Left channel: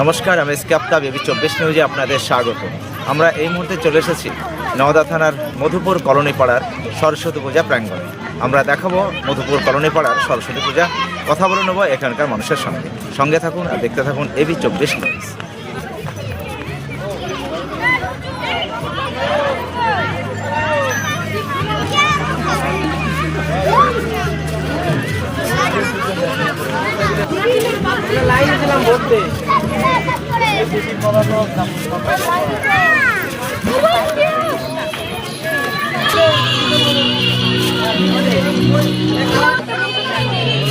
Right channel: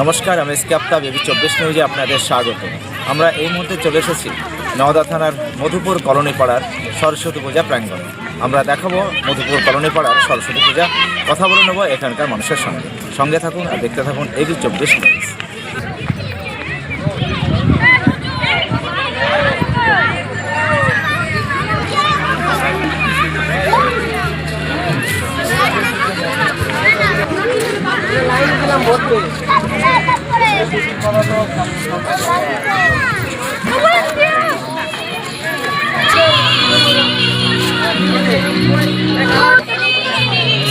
নমস্কার, আমি SK Aftab, AB 24 নিউজে আপনাদের স্বাগত। আমরা এই মুহূর্তে চলে এসেছি নওদা থানার মধুপুর কলোনি পাড়ার সরস্বতী পূজা প্রাঙ্গণে। আমরা দেখাবো মধুপুর কলোনি পাড়ার সরস্বতী পূজা, কথা বলে নেব এখানকার মানুষের সঙ্গে থাকুন আর দেখতে থাকুন এবি 24 নিউজ। লাইন দিলাম ভরতে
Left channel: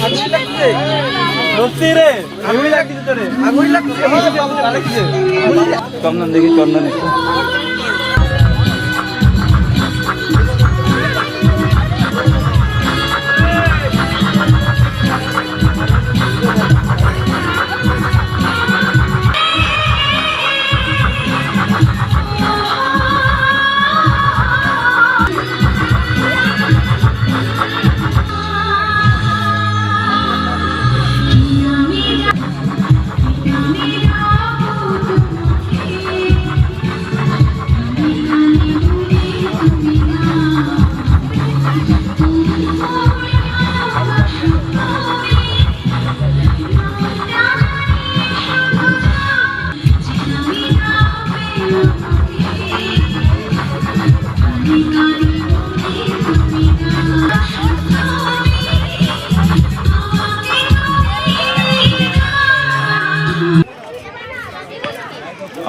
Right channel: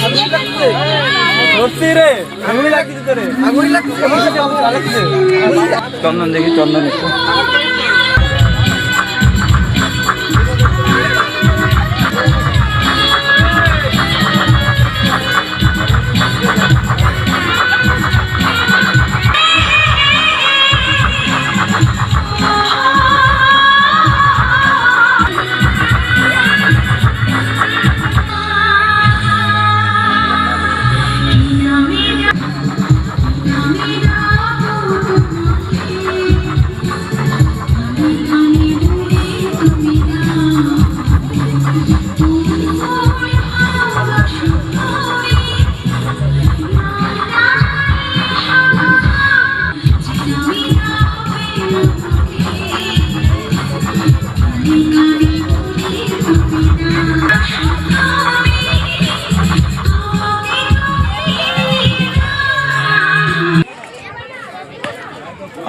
আঙুলি লাগছে রে, আঙুলি লাগছে, চন্দন দেখি, চন্দন একটু।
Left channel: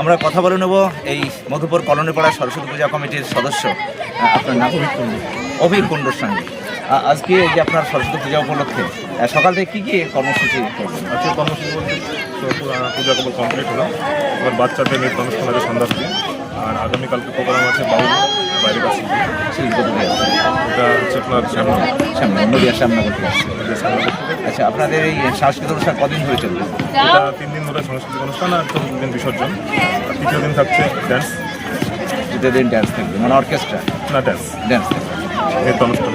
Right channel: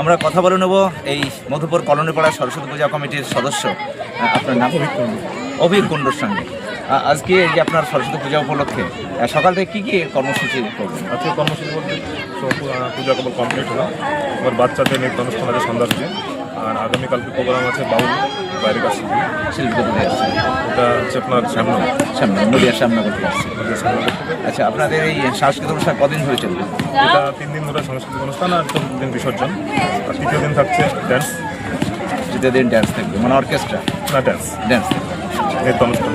আমরা কথা বলে নেব এই মধুপুর কলোনি পাড়া সরস্বতী পূজা কমিটির সদস্য, আপনার নাম? অভিক কুণ্ডুর সঙ্গে। আজকে এই যে আপনার সরস্বতী পূজা উপলক্ষে সকাল থেকে কী কী কর্মসূচি করবেন? আজকে কর্মসূচি বলতে পূজা কেবল কমপ্লিট হলো, এবার বাচ্চাদের নৃত্য অনুষ্ঠান আছে সন্ধ্যা থেকে, আর আগামীকালকে প্রোগ্রাম আছে বাউল বাইরের কাছে শিল্পী কোথায় আসছে? এটা হচ্ছে আপনার সামনে নদিয়ার সামনে করতে আসছে। সামনে আচ্ছা, আপনাদের এই সাংস্কৃতিক অনুষ্ঠান কদিন ধরে চলবে? এটা 3 দিন ধরে সাংস্কৃতিক অনুষ্ঠান, আর 4 দিন বিসর্জন, আর 3য় দিন থাকছে ড্যান্স। 3য় দিন ড্যান্স থাকবে, মানে অর্কেস্ট্রা না ড্যান্স থাকবে, নৃত্য অনুষ্ঠান।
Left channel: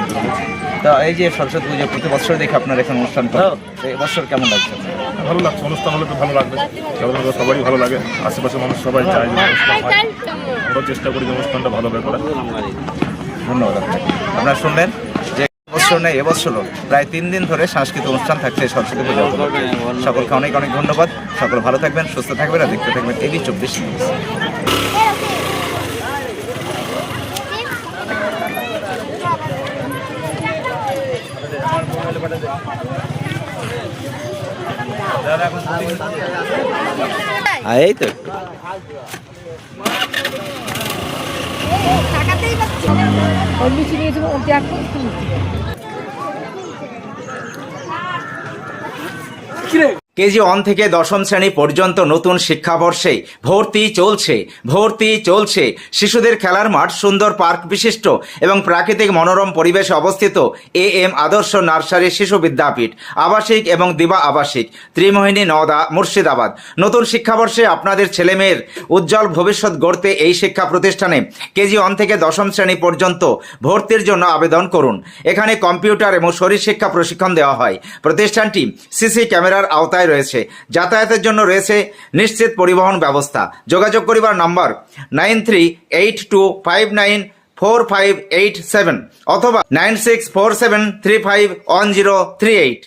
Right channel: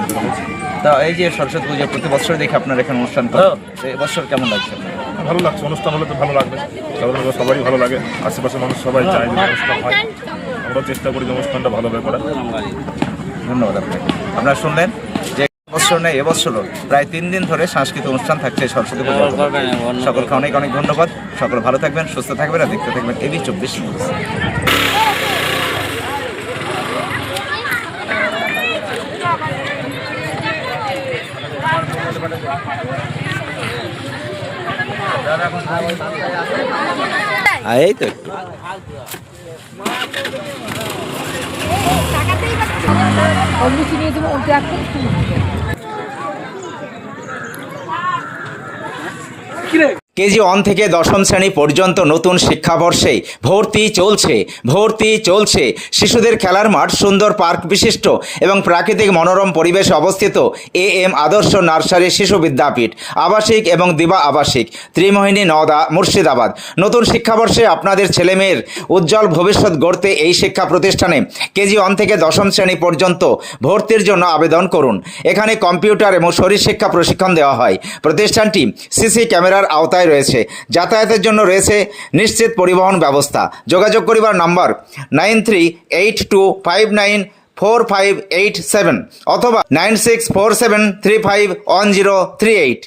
তা এই যে সরস্বতী পুজো প্রতি বছর দেখে আপনার এখানে অনুষ্ঠান করেন, এই বছর কেমন লাগছে আপনার? ভালো লাগছে, অনুষ্ঠান হলে তো ভালো লাগবে, কারণ সবারই ভালো লাগে, আশেপাশের মানুষ সবাই চায় যে অনুষ্ঠান হয়, আমরাও চেষ্টা করি যে অনুষ্ঠানটা ভালোভাবে করার। ধন্যবাদ আপনাকে। আপনারা শুনলেন যে বছর নেই, এবছরও প্রায় 3 দিন ধরে সাংস্কৃতিক অনুষ্ঠান থাকছে সরস্বতী পূজা উপলক্ষে। সকলকে অনেক অনেক ধন্যবাদ। সকল ভালো থাকবেন, সুস্থ থাকবেন আর দেখতে থাকবেন এবি 24 নিউজ। এই তো একটু কেজি 1 থেকে 10ম শ্রেণী পর্যন্ত নতুন শিক্ষাবর্ষে ভর্তি চলছে। শিশুদের খেলার মাঠ, সুন্দর পার্ক বিশিষ্ট এবং প্রাকৃতিক মনোরম পরিবেশে অবস্থিত AM আদর্শ নার্সারি শিশু বিদ্যাপীঠ, আবাসিক এবং দিবা আবাসিক, ত্রিমোহিনী, নওদা, মুর্শিদাবাদ। নতুন শিক্ষাবর্ষে আপনাদের ছেলেমেয়ের উজ্জ্বল ভবিষ্যৎ গড়তে এই শিক্ষা প্রতিষ্ঠানে কেজি 1 থেকে 10ম শ্রেণী পর্যন্ত ভর্তির জন্য আবেদন করুন। এখানে কম্পিউটার এবং শরীর শিক্ষা প্রশিক্ষণ দেওয়া হয়। প্রতিষ্ঠানটি সিসি ক্যামেরার আওতায় রয়েছে। যাতায়াতের জন্য রয়েছে নিশ্চিত পরিবহন ব্যবস্থা। যোগাযোগ করিবার নম্বর 9382594587 অথবা 9647351038।